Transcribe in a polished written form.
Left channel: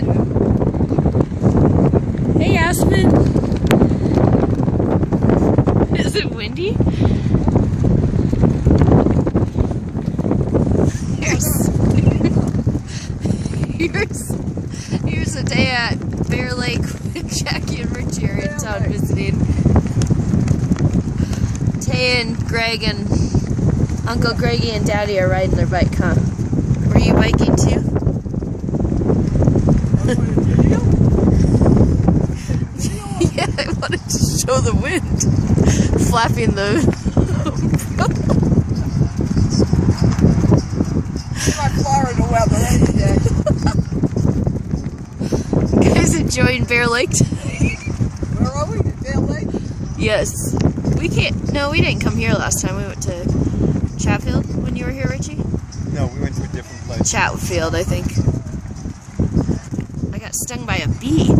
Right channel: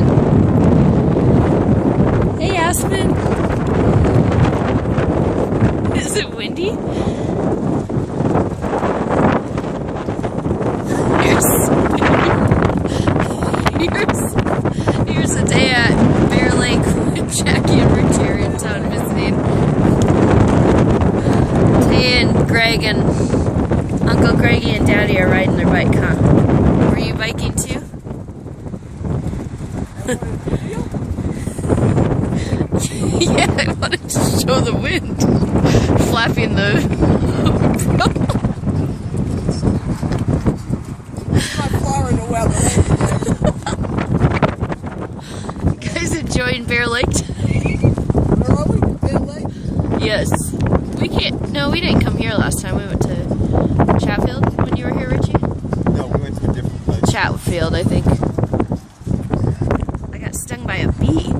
Aspen. Hey, Aspen. Is it windy? Here's a day at Bear Lake with Jackie and Rick here in town visiting. Tay and Greg and Uncle Greggy and Daddy are riding their bike, huh? Were you biking too? Yeah, I wanted to show the wind flapping the umbrella. Like Florida weather, ain't it? Guys enjoying Bear Lake? Where are we? Bear Lake? Yes. We can't. No, we didn't come here last time. We went to Chatfield when you were here, Richie. No, we went to a different place. Chatfield, I think. I got stung by a bee.